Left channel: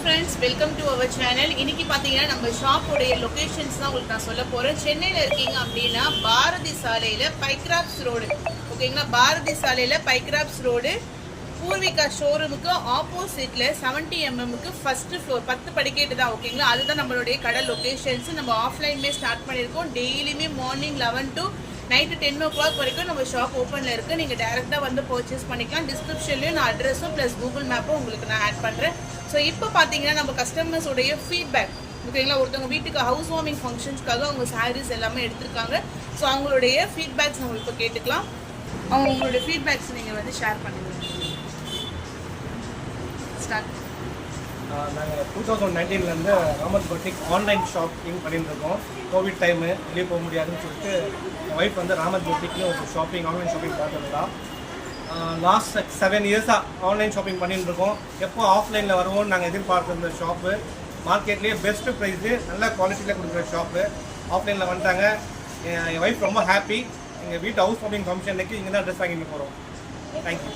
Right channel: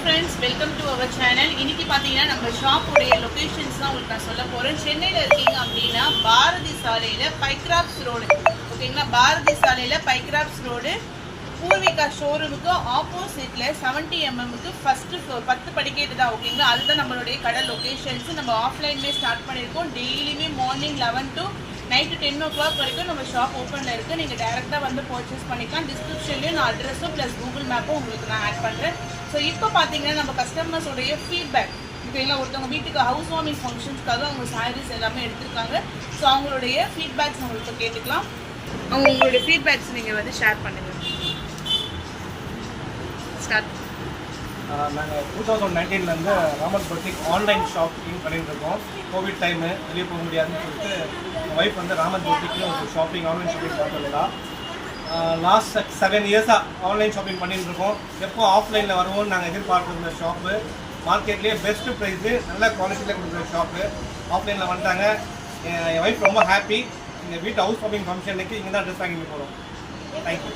Friends, welcome to our channel. இன்னைக்கு பார்த்தீங்கன்னா நம்ம ஷாப்போடைய லொக்கேஷன்ஸ் தான் உங்களுக்கு நான் சொல்ல போகிறேன். சென்னையில் இருக்கீங்க அப்படின்னா பாரதி சாலையில் பைக்ராப்ஸ் ரோடு, ஓகேங்களா? பாரதி சாலையில் பைக்ராப்ஸ் ரோடு பூர்விகா ஷோரூமுக்கு ஆப்போசிட்டில் 70 mm ஃபஸ்ட்டு ஃப்ளோர் 10 படிக்கேட்டு தான், ஓகேங்களா? அதுதான் நம்மளுடைய கடை லொக்கேஷன்ஸ். நம்ம ஆஃப்லைன்மே ஸ்டார்ட் பண்ணியிருக்கோம். டெய்லியுமே மார்னிங் 11 to நைட்டு 10 o'clock வரைக்கும் நம்ம ஷாப் ஓப்பனில் இருக்குது. நீங்கள் டேரெக்டாக வந்து பர்ச்சேஸ் பண்ணிக்கலாம். டிஸ்கிரிப்ஷன்லேயும் நான் அட்ரெஸும் ப்ளஸ் கூகுள் மேப்பும் உங்களுக்கு நான் ஆட் பண்ணுறேன். ஸோ இப்போ பார்த்தீங்கன்னா நம்ம கஸ்டமர்ஸோடைய ஃபீட்பேக், ஓகேங்களா? ஒருத்தவங்க வீட்டுக்கு ஹவுஸ் வார்மிங் ஃபங்க்ஷன்ஸ்க்காக அவங்க சாரீஸ் எல்லாமே எடுத்திருக்காங்க. ஸோ அவங்களுடைய ஃபீட்பேக்ஸ் உங்களுக்கு கேட்டுக்கலாம். அவங்களுடைய ஃபீட்பேக்ஸ் நீங்கள் வந்து ஷேர் பண்ணுங்கள். ஸ்டார்ட். நாங்கள் 2019 ராமத் பொட்டிக் ஆன்லைன் ஷாப்பிங் பண்ணிட்டு இருக்கோம். கோவிட் டைமு வெளியே போக முடியாதுன்னு சொல்லிட்டு என் ஒய்ஃப் வந்து ராமத் பொட்டிக்னு ஒரு ஆன்லைன் ஷாப்பிங் பார்த்ததுடா. லாஸ்ட் 7 இயர்ஸாக ஆன்லைன் ஷாப்பிங் பண்ணிட்டு இருக்கோம். எப்போ ஆஃப்லைனில் வருவோம்னு நாங்கள் எதிர்பார்க்குற ஷாப்பு, மார்க்கெட்லேயே பெஸ்ட்டு ப்ரைஸு, நல்ல குவாலிட்டியில் கொடுக்குற ஷாப்பு. ஆஃப்லைனில் வந்துட்டாங்க. என் ஒய்ஃப் ரொம்ப ஹாப்பி. எங்கள் வீட்டு ஹவுஸ் வார்மிங் ஃபங்க்ஷனுக்கு இங்கே தான் ட்ரெஸ் வாங்கிட்டு போகிறோம். தேங்க்யூ.